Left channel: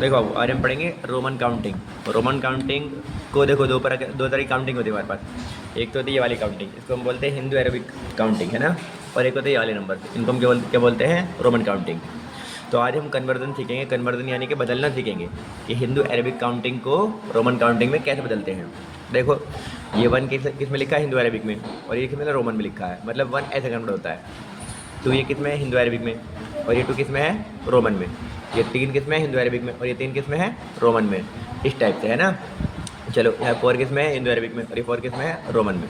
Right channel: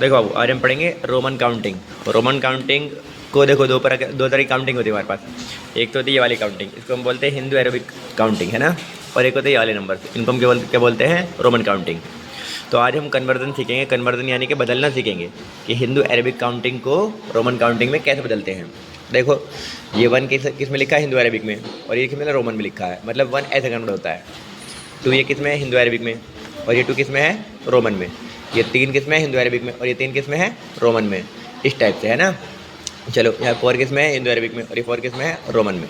देखो बाबू आज हम पढ़ेंगे रोमन काउंटिंग। रोमन काउंटिंग को देखो दो तरह की काउंटिंग होती है हमारे पास। एक तो होती है ये वाली काउंटिंग, इसको हम बोलते हैं हिंदू अरेबिक काउंटिंग, है ना। और एक होती है ये वाले नंबर, इनको हम क्या बोलते हैं, रोमन काउंटिंग। तो आज हम कन्वर्जन सीखेंगे, कन्वर्जन यानी कि बदलना सीखेंगे कि हिंदू अरेबिक काउंटिंग को रोमन काउंटिंग में कैसे बदलते हैं। देखो ये वन किस में लिखा है, हिंदू अरेबिक में, और ये किस में रोमन में लिखा है, मतलब वन ऐसे कन्वर्ट होता है। टू ये किस में है, हिंदू अरेबिक में, और ये टू किस में है, रोमन में। ये तीन किस में है, हिंदू अरेबिक में, और ये तीन किस में है, रोमन में। इस टाइप से, है ना। चलो यहाँ फोर किस में है, हिंदू अरेबिक में, और ये फोर किस में है, रोमन में।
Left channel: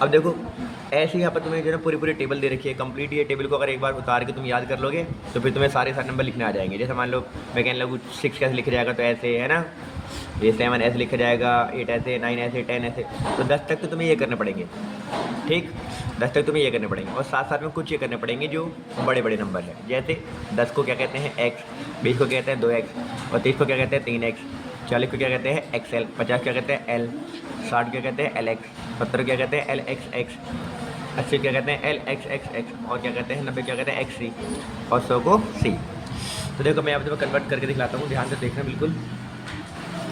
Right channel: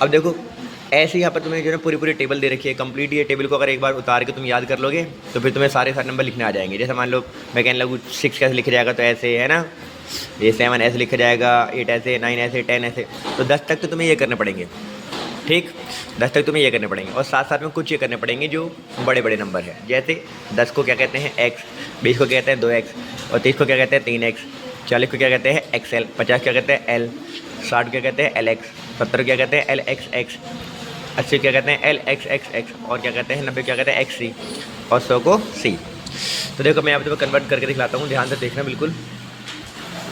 अब देखो ऐसे यहाँ पर तुम्हें जो है पूरी पूरी टेबल दे रखी है कंप्लीट। ये टेबल को अगर एक बार उतार के तुम याद कर लोगे तो फिर तुम्हें सारे नंबर लिखने आ जाएंगे। जैसे मान लो मैं कहने लगूँ 6 कैसे लिखा जाएगा, तो ऐसे, है ना। ये 7 ऐसे लिखा जाएगा, 8 ऐसे, 9 ऐसे, 10 ऐसे। तो 10 तक तो तुम्हें ये करने पड़ेंगे, ठीक। 10 तक तुम्हें ये करने पड़ेंगे, और साथ साथ में कुछ ये करने पड़ेंगे जो बड़े बड़े नंबर हैं। जैसे 10 को क्या कहते हैं, एक्स। 20 को क्या कहते हैं, 2x। और 30 को क्या कहते हैं, 3x। 40 को क्या कहते हैं, XL। 50 क्या कहते हैं, L। 60 क्या कहते हैं, LX। 70 क्या कहते हैं, LXX। 80 क्या कहते हैं, LXXX। और क्या कहते हैं, 90 क्या कहते हैं, XC। और 100 को C। तो देखो मैं आप तुम्हें कन्वर्ट करके दिखलाता हूँ, ध्यान से देखना बिल्कुल।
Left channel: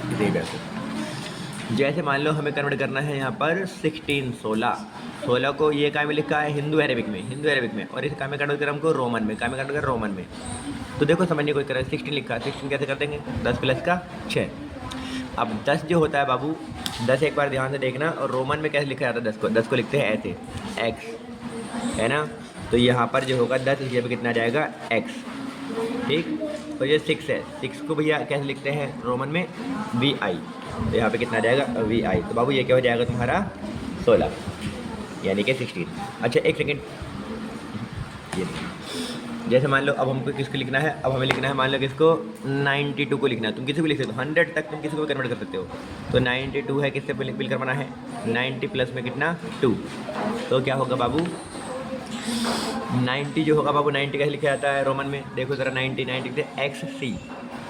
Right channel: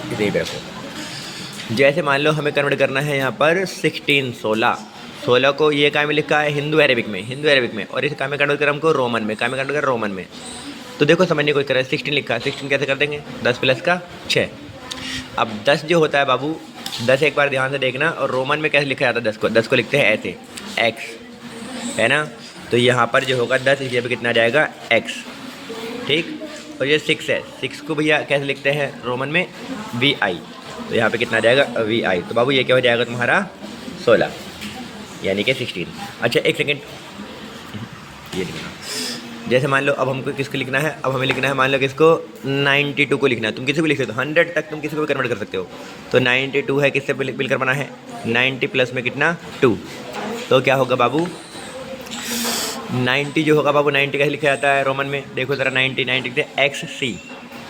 इसी तरह से जैसे मान लो हमें कन्वर्ट करना है यहाँ पर 16 को ये काय में लिखा है, हिंदू अरेबिक में, हिंदू अरेबिक में। और इस काय में कन्वर्ट कर हमको रोमन में, काय में कन्वर्ट कर रोमन में। तो देखो समझने कोई तरह 16 लिखा है, 16 कैसे कर देंगे, 10 प्लस का 6। अब 10 जो होता है बाबू, 10 एक बार ध्यान से देखना। और रोमन में कैसे लिखा जाता है 10 को, 10 को लिखते हैं ऐसे, एक्स, है ना। तो यहाँ पर जो होगा 10, इस जगह पर कितना आ जाएगा, एक्स, ठीक। और ये 6 है, 6 को भैया कैसे लिखते हैं रोमन में, VI। तो यहाँ पे कितना आ जाएगा, VI। तो बाबू ये क्या हो जाएगा तुम्हारा 16, यानी कि 16। अच्छा एक सेकेंड, ये जैसे मान लो अब हमको किसको लिखना है, अब हमें लिखना है मान लो किसको, 92 को लिखना है। तुम किसी को लिख सकते हो, 100 तक तुम किसी को भी कन्वर्ट कर सकते हो। तो 92 है, किससे मिलकर बना है, 90 प्लस में कितना, 2। तो क्या होगा बाबू, 90 जो होगा बाबू, 90 कैसे लिखा जाता है रोमन में, देखो ज़रा, 90 लिखते हैं XC।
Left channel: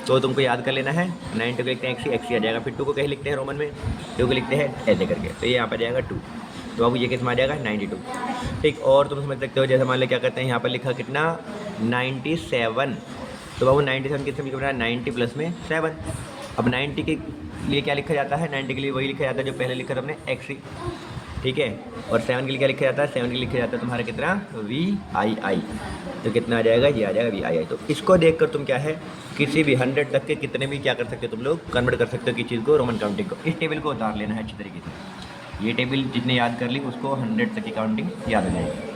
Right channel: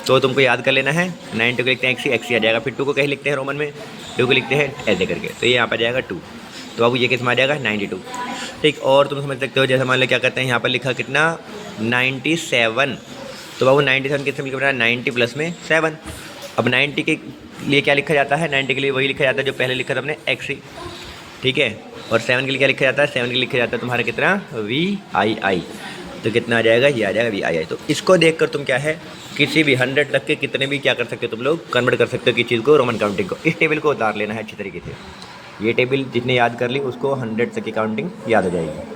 तो तुमको याद कर लेना है, 90 को लिखते हैं XC, XC आ जाएगा। फिर 2 को कैसे लिखते हैं रोमन में, 2 को लिखते हैं ऐसे करके, तो ये यहाँ पर जाएगा 2। तो बाबू ये किस में आ जाएगा, 92, ठीक। और तुम समझ सकते हो, जैसे मान लो क्या कहते हैं, यहाँ पर लिखा कितना, 97। तो बाबू 97 किससे मिलकर बना, 90 प्लस में 7। अब 90 के लिए क्या लिखा जाता है, 90 के लिए वही लिखा जाता है जो पहले लिखा था हमने, XC, ठीक है। और 7 के लिए क्या लिखा जाता है, 7 के लिए लिखा जाता है तुम्हारा कितना, VII। तो कितना आ जाएगा, ये आ जाएगा VII। तो इसको देखकर तुम क्या है, किसी भी 100 तक के कितने भी क्या कर सकते हो, तुम लोग कन्वर्ट कर सकते हो किस चीज़ को, रोमन काउंटिंग को। इस टेबल को उतार लेना है अच्छी तरीके से। ये टेबल जितने याद कर ली उसको 100 तक की काउंटिंग याद हो जाएगी।